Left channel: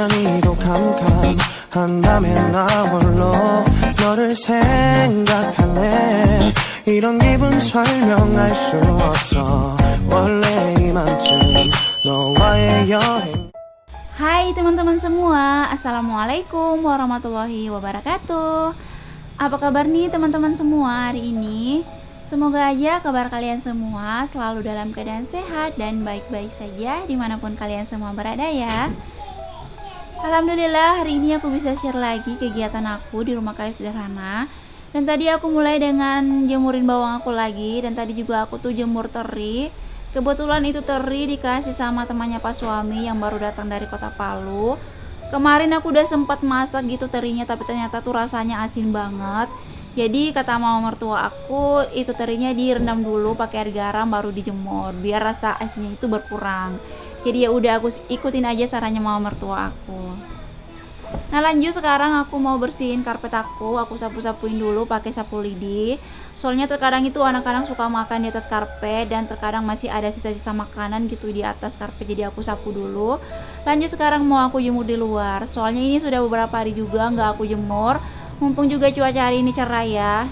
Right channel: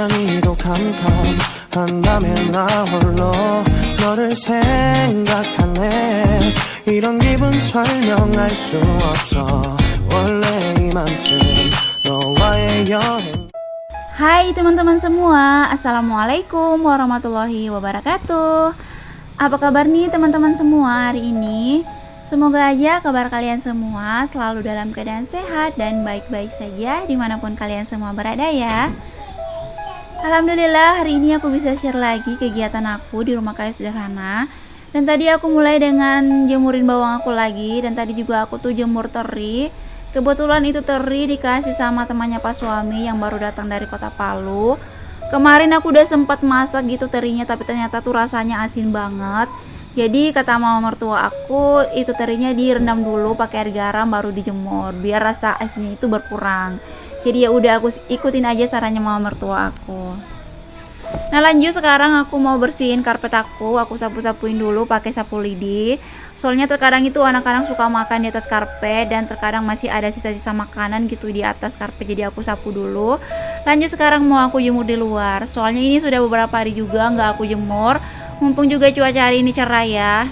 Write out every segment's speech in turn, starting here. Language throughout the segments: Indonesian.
화면이 또 캄캄한다면 나 홀로 너를 생각하네. 이런 기분 설명할 수 없어. 원래 이만큼 너와의 여행. Hai teman-teman semua, Assalamualaikum warahmatullahi wabarakatuh. Apa kabar nih teman-teman semua hari ini? Semoga aja kabar kalian semua selalu dalam keadaan sehat dan baik-baik saja dimanapun kalian semua berada ya. Alhamdulillah hari ini aku bisa share lagi kegiatan aku di rumah kayu sederhana. Dan tadi aku mulai dengan jemurin bawang aku lagi. Dan tadi juga aku tuh jemur teri. Kebetulan itu teri dikasih sama temannya Pak Suami yang baru datang dari kota Palu. Kemarin aku udah sempat masak gitu terinya, tapi ternyata tuh rasanya asin banget. Jadi kata mama mertua aku, itu terinya direndam dulu pakai air garam baru dijemur biar rasa asinnya itu berkurang. Jadi ya udah aku ikutin aja sarannya mama mertua aku. Nah lanjut sekarang aku mau bersihin karpet aku sapu-sapuin dulu pakai sapu lidi. Soalnya terkadang itu anak-anak suka makan di atas karpet dan terkadang masih ada sisa-sisa makanan gitu di atas karpet, jadi aku sapu dulu. Lanjut sekarang mau aku jemur di luar. Soalnya ini sudah beberapa hari juga nggak aku jemur. Mumpung juga cuaca hari ini cerah ya.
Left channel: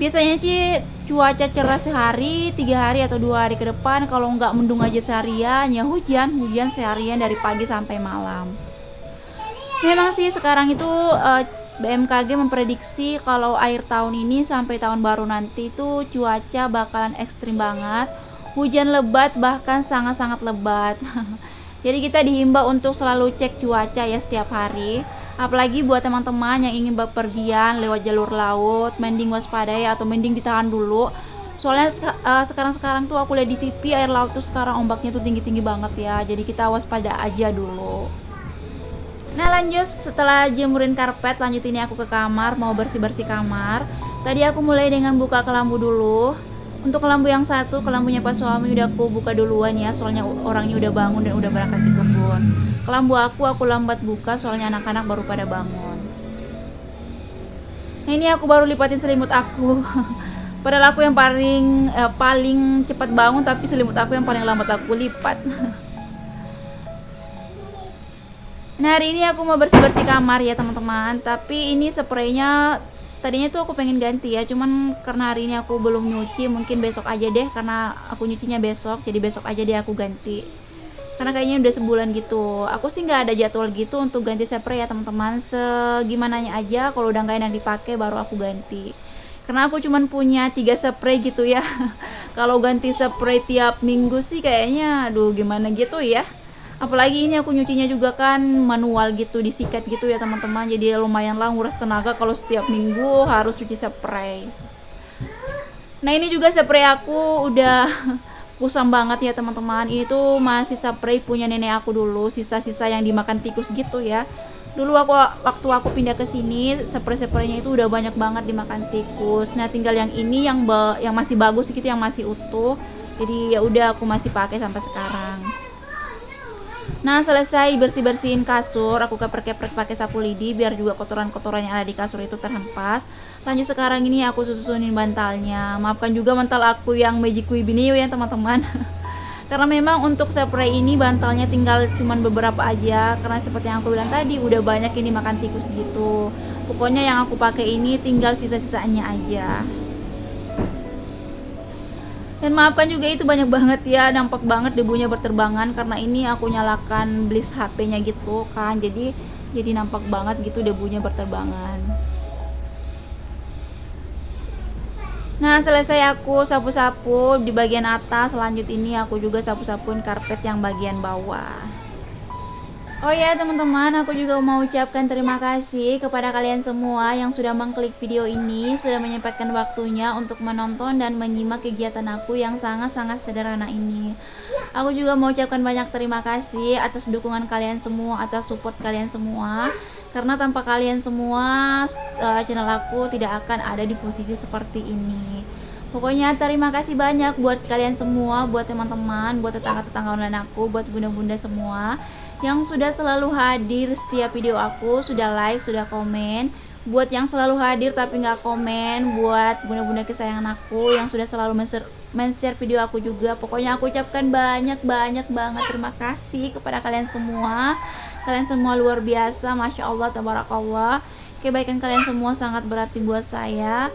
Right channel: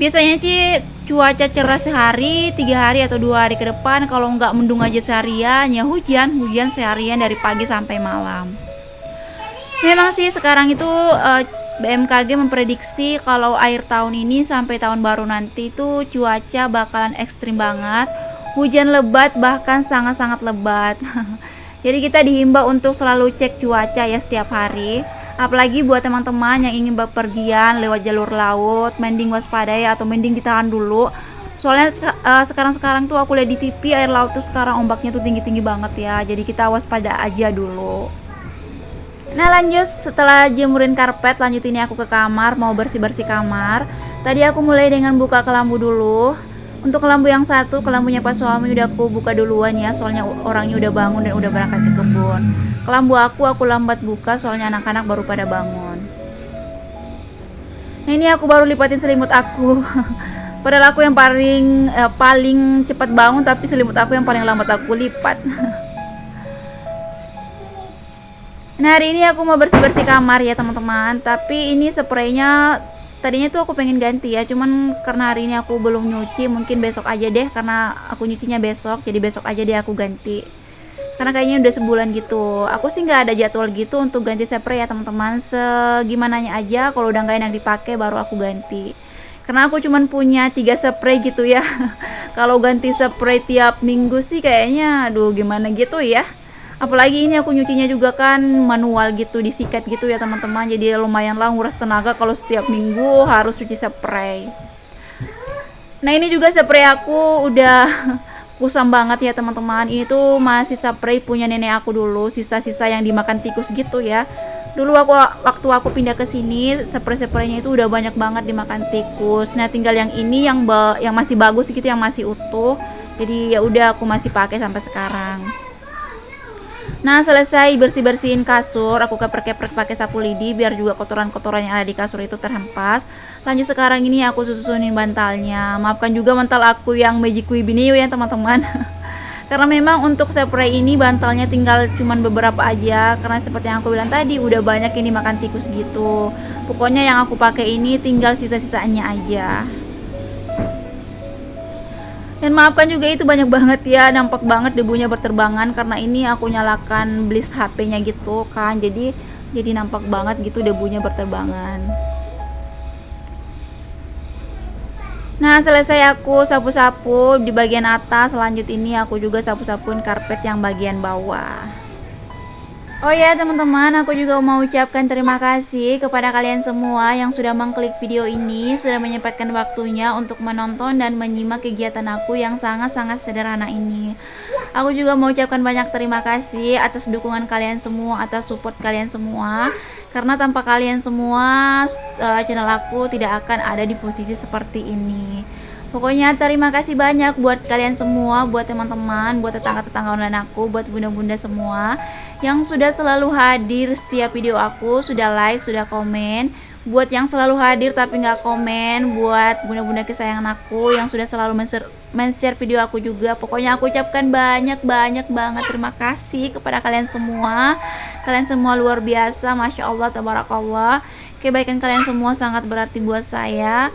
Biasanya sih cuaca cerah sehari, 3 hari atau 2 hari ke depan. Kalau nggak mendung aja seharian, ya hujan seharian dari pagi sampai malam. Memang sih sekarang itu BMKG memprediksi kalau akhir tahun ini sampai tahun baru nanti itu cuaca bakalan ekstrim banget. Hujan lebat bahkan sangat-sangat lebat. Jadi kita dihimbau untuk selalu cek cuaca ya setiap hari. Apalagi buat teman-teman yang ingin bepergian lewat jalur laut, mending waspadai atau mending ditahan dulu. Soalnya sekarang tuh aku lihat di TV air laut tuh sekarang ombaknya tuh tinggi-tinggi banget ya. Jadi kita waspada aja dulu. Nah lanjut setelah jemurin karpet, lanjut ini aku ke kamar mau bersih-bersih kamar. Tadi aku mulai dengan buka kelambu dulu. Untuk kelambu yang satu, kelambunya Pak Suami udah aku buka duluan ya, soalnya orangnya udah bangun dan udah berangkat ke kebun. Kelambu aku lambat buka soalnya anak-anak baru pada bangun. Nah ini aku baru lipatin selimut aku. Padahal aku yang paling cepat bangun, tapi selimut aku yang paling lambat aku lipat. Nah hari ini aku mau bersih-bersih kamar ya teman-teman. Tapi ini spraynya tadinya tuh aku pengen ganti ya, cuman karena hari ini aku belum nyuci, mungkin besok aja deh karena aku nyucinya besok. Jadi besok aja deh aku ganti. Karena kayaknya udah sebulan gitu. Aku sih nggak ada jadwal gitu untuk ganti spray ya teman-teman. Segimananya aja, kalau udah nggak enak dipakai baru aku ganti. Karena aku cuman punya 3 spray gitu ya. Kalau ganti spray tiap minggu sih kayaknya aduh gimana gitu ya. Apalagi ini aku nyucinya juga kan manual gitu, disikat gitu ya teman-teman. Jadi lumayan lah nguras tenaga kalau setiap minggu harus cuci spray. Nah ini juga spray aku udah kusam banget ya teman-teman. Ini tuh masih spray punya nenek aku dulu, sisa-sisa yang dimakan tikus gitu ya. Dulu waktu aku pindah ke sini, spray-spraynya itu udah banyak banget dimakan tikus. Nah tinggal yang ini yang masih bagus gitu, yang masih utuh. Jadi ya udah aku masih pakai sampai sekarang. Nah selesai bersih-bersihin kasur, aku keprek-keprek pakai sapu lidi biar juga kotoran-kotoran yang ada di kasur itu terhempas. Lanjut sekarang ini aku susunin bantalnya. Maafkan juga bantal aku yang Magic Binio ya teman-teman. Karena memang untuk spray ini bantalnya tinggal cuman beberapa aja. Karena seperti yang aku bilang tadi udah banyak ini makan tikus gitu. Pokoknya yang aku pakai ini tinggal sisa-sisanya aja. Dan maafkan juga itu banyak banget ya, nampak banget debunya berterbangan karena ini aku nyalakan bliss HP-nya gitu kan. Jadi nampak banget gitu debunya berterbangan. Nah, selesai aku sapu-sapu di bagian atas, lanjut ini aku juga sapu-sapuin karpet yang bagian bawah. Oh ya teman-teman, aku juga mau ucapkan terima kasih kepada kalian semua yang sudah mengklik video ini, sudah menyempatkan waktunya untuk menonton dan menyimak kegiatan aku yang sangat-sangat sederhana ini. Aku juga mau ucapkan banyak terima kasih atas dukungan kalian semua, atas support kalian semua. Karena tanpa kalian semua, channel aku tidak akan ada di posisi seperti ini. Pokoknya terima kasih banyak buat kalian semua, buat teman-teman, buat tetangga-tetangga online aku, buat bunda-bunda semua yang sudah selalu hadir setiap video aku, sudah like, sudah komen. Buat yang selalu hadir tapi nggak komen, buat bunda-bunda kesayangan aku yang sudah selalu men-share video aku juga. Pokoknya aku ucapkan banyak banget terima kasih kepada kalian semua. Kalian semua luar biasa, Masya Allah, Tabarakallah. Kebaikan kalian semua sangat berarti buat saya.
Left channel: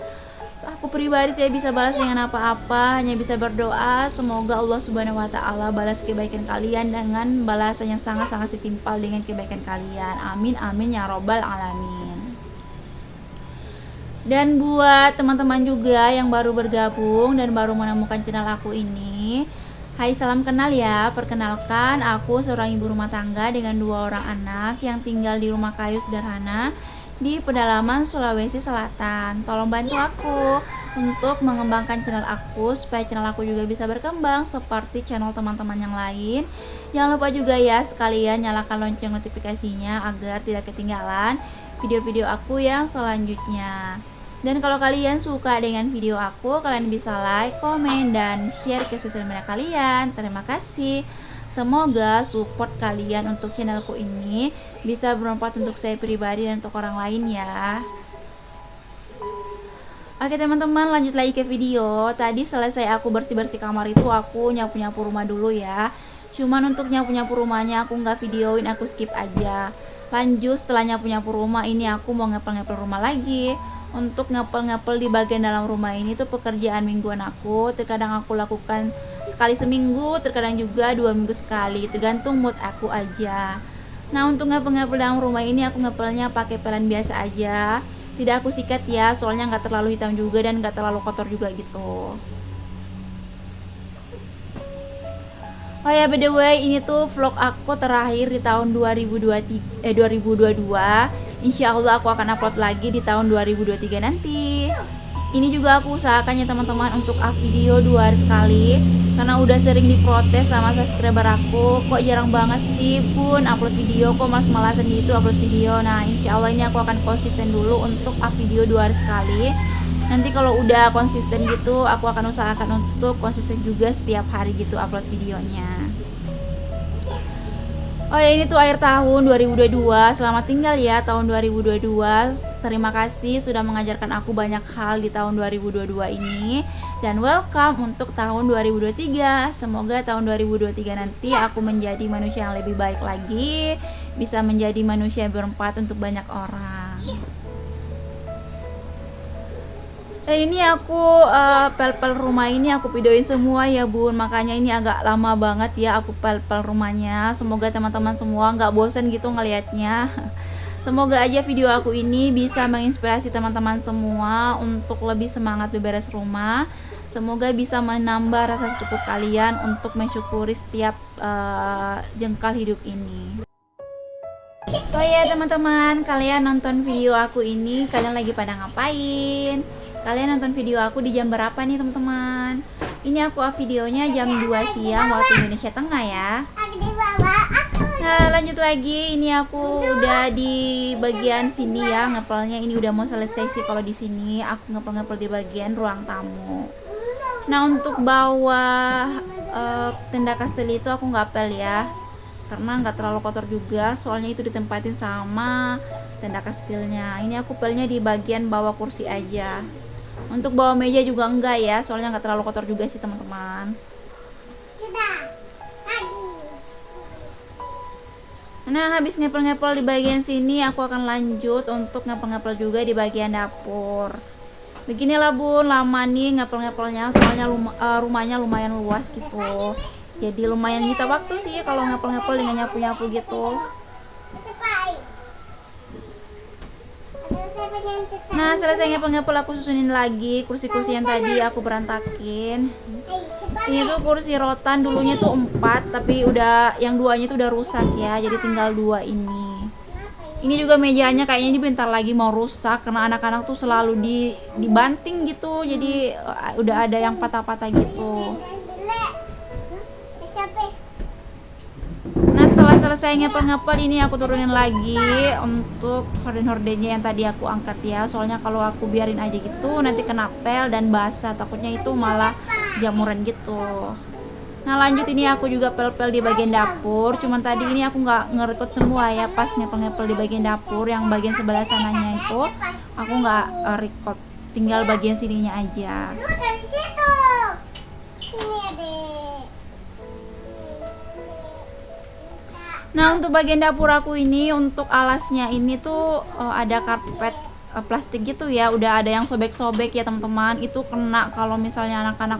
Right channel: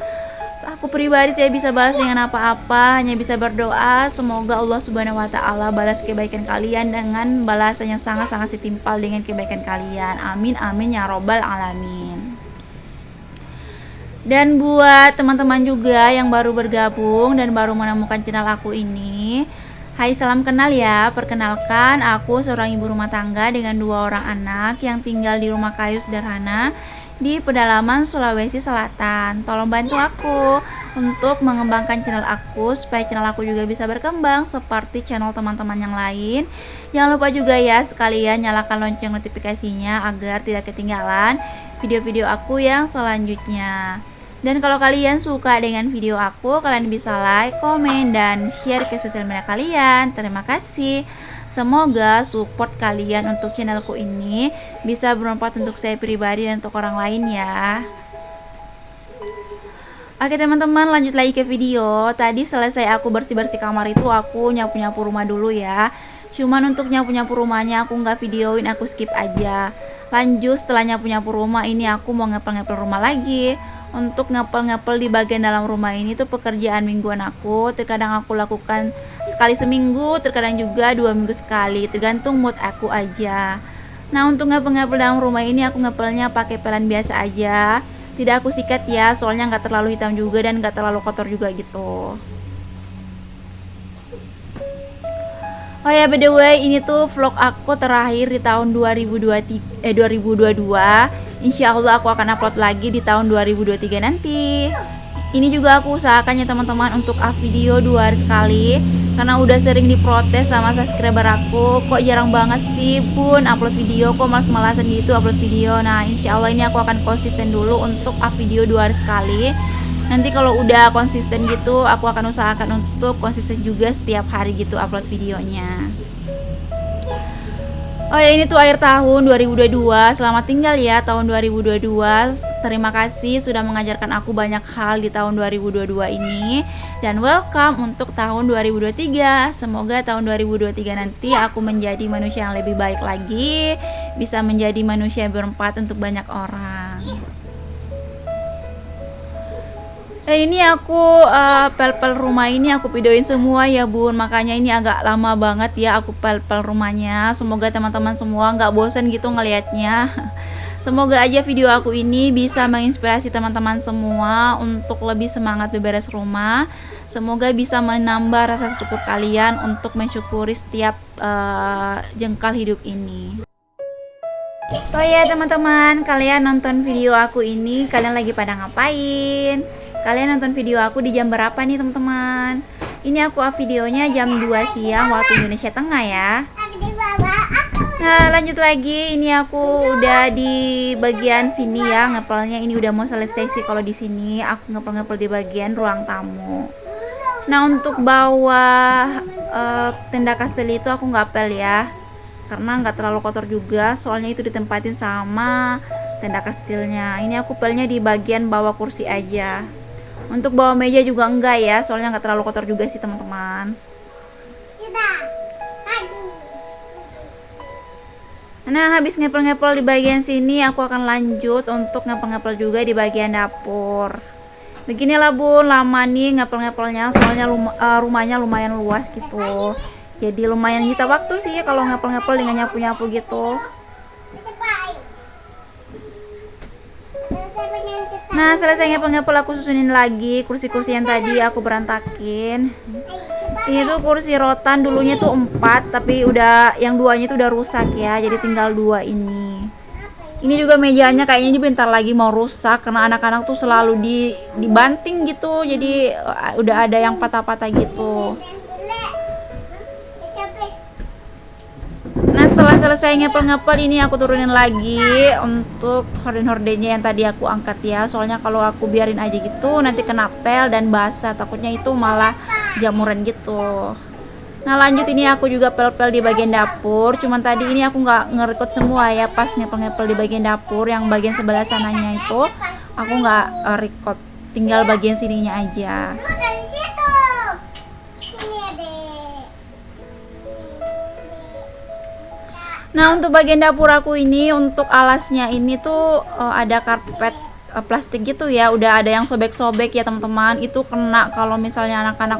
Aku pribadi tidak bisa balas dengan apa-apa, hanya bisa berdoa semoga Allah Subhanahu wa taala balas kebaikan kalian dengan balasan yang sangat-sangat setimpal dengan kebaikan kalian. Amin amin ya robbal alamin. Dan buat teman-teman juga yang baru bergabung dan baru menemukan channel aku ini, hai, salam kenal ya. Perkenalkan, aku seorang ibu rumah tangga dengan 2 orang anak yang tinggal di rumah kayu sederhana di pedalaman Sulawesi Selatan. Tolong bantu aku untuk mengembangkan channel aku supaya channel aku juga bisa berkembang seperti channel teman-teman yang lain. Jangan lupa juga ya sekalian nyalakan lonceng notifikasinya agar tidak ketinggalan video-video aku yang selanjutnya. Dan kalau kalian suka dengan video aku, kalian bisa like, komen, dan share ke sosial media kalian. Terima kasih. Semoga support kalian untuk channelku ini bisa bermanfaat untuk saya pribadi dan untuk orang lain ya. Oke teman-teman, lanjut lagi ke video. Tadi selesai aku bersih-bersih kamar itu, aku nyapu-nyapu rumah dulu ya. Cuman untuk nyapu-nyapu rumahnya aku nggak videoin, aku skip aja. Lanjut setelah nyapu-nyapu rumah ini aku mau ngepel-ngepel rumah lagi. Untuk ngepel-ngepel di bagian dalam rumah ini tuh pekerjaan mingguan aku. Terkadang aku lakukan sekali seminggu, terkadang juga 2 minggu sekali, tergantung mood aku aja. Nah untuk ngepel-ngepel dalam rumah ini aku ngepelnya pakai pelan biasa aja, tidak aku sikat ya, soalnya nggak terlalu hitam juga dan nggak terlalu kotor juga gitu. Oh ya, by the way, ini tuh vlog aku terakhir di tahun 2022. Insya Allah aku akan upload lagi di tahun 2023 nanti. Ini juga aku usahakan ya teman-teman untuk up video 2 hari sekali, karena udah sering diprotes sama subscriber aku, kok jarang banget sih Bun upload video, kok malas-malasan gitu upload video. Nah insya Allah ini aku akan konsisten dulu untuk up video 2 hari sekali. Nanti kalau udah konsisten gitu aku akan usahakan untuk konsisten juga setiap hari gitu upload videonya. Oh ya, ini tuh akhir tahun 2022. Selamat tinggal ya tahun 2022. Terima kasih sudah mengajarkan aku banyak hal di tahun 2022 ini. Dan welcome untuk tahun 2023. Semoga tahun 2023 nanti aku menjadi manusia yang lebih baik lagi, bisa menjadi manusia yang bermanfaat untuk banyak orang. Ini aku pel-pel rumah ini aku videoin semua ya Bun, makanya ini agak lama banget ya aku pel-pel rumahnya. Semoga teman-teman semua nggak bosan gitu ngelihatnya. Semoga aja video aku ini bisa menginspirasi teman-teman semua untuk lebih semangat beberes rumah. Semoga bisa menambah rasa syukur kalian untuk mensyukuri setiap jengkal hidup ini. Oh ya teman-teman, kalian nonton video aku ini, kalian lagi pada ngapain? Kalian nonton video aku di jam berapa nih teman-teman? Ini aku up videonya jam 2 siang waktu Indonesia Tengah ya. Nah lanjut lagi, ini aku udah di bagian sini ya ngepelnya. Ini udah mau selesai sih kalau di sini. Aku ngepel-ngepel di bagian ruang tamu. Nah untuk bawah tenda kastil itu aku nggak pel ya, karena nggak terlalu kotor juga. Soalnya itu ditempatin sama tenda kastilnya. Ini aku pelnya di bagian bawah kursi aja. Untuk bawah meja juga enggak ya, soalnya nggak terlalu kotor juga sih teman-teman. Nah habis ngepel-ngepel di bagian sini aku akan lanjut untuk ngepel-ngepel juga di bagian dapur. Beginilah Bun, lama nih ngepel-ngepelnya, soalnya rumahnya lumayan luas gitu. Jadi lumayan nyita waktu sih kalau ngepel-ngepel dengan nyapu-nyapu gitu. Nah selesai ngepel-ngepel aku susunin lagi kursi-kursi yang tadi aku berantakin. Ini tuh kursi rotan, dulunya tuh 4 tapi udah yang 2-nya tuh udah rusak ya, jadi tinggal 2 ini. Ini juga mejanya kayaknya ini bentar lagi mau rusak karena anak-anak tuh selalu dibanting gitu, jadi udah ada yang patah-patah gitu. Nah setelah selesai ngepel-ngepel ini aku turunin lagi untuk horden-hordennya yang tadi aku angkat ya, soalnya kalau aku biarin aja gitu nanti kena pel dan basah, takutnya itu malah jamuran gitu. Nah lanjut, ini aku juga pel-pel di bagian dapur, cuman tadi ini aku nggak ngerekod semua ya pas ngepel-ngepel di bagian dapur, yang bagian sebelah sananya itu aku nggak record, tinggal bagian sininya aja. Nah, untuk bagian dapur aku ini, untuk alasnya ini tuh ada karpet plastik gitu ya. Udah ada yang sobek-sobek ya teman-teman. Itu kena kalau misalnya anak-anak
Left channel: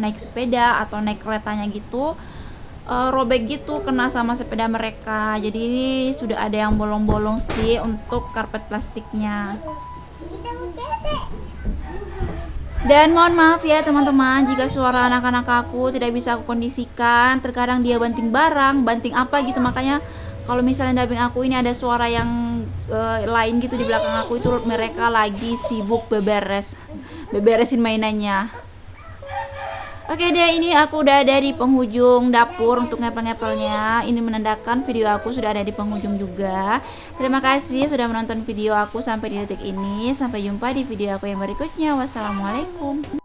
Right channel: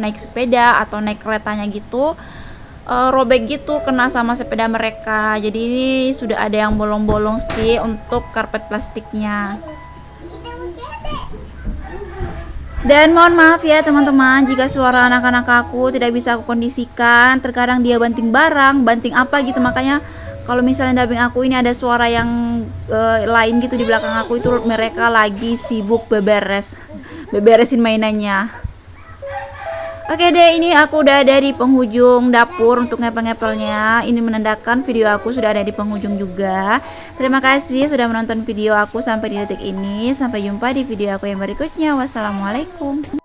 naik sepeda atau naik keretanya gitu, robek gitu, kena sama sepeda mereka. Jadi ini sudah ada yang bolong-bolong sih untuk karpet plastiknya. Dan mohon maaf ya teman-teman jika suara anak-anak aku tidak bisa aku kondisikan. Terkadang dia banting barang, banting apa gitu, makanya kalau misalnya dubbing aku ini ada suara yang lain gitu di belakang aku, itu mereka lagi sibuk beberesin mainannya. Oke deh, ini aku udah ada di penghujung dapur untuk ngepel-ngepelnya. Ini menandakan video aku sudah ada di penghujung juga. Terima kasih sudah menonton video aku sampai di detik ini. Sampai jumpa di video aku yang berikutnya. Wassalamualaikum.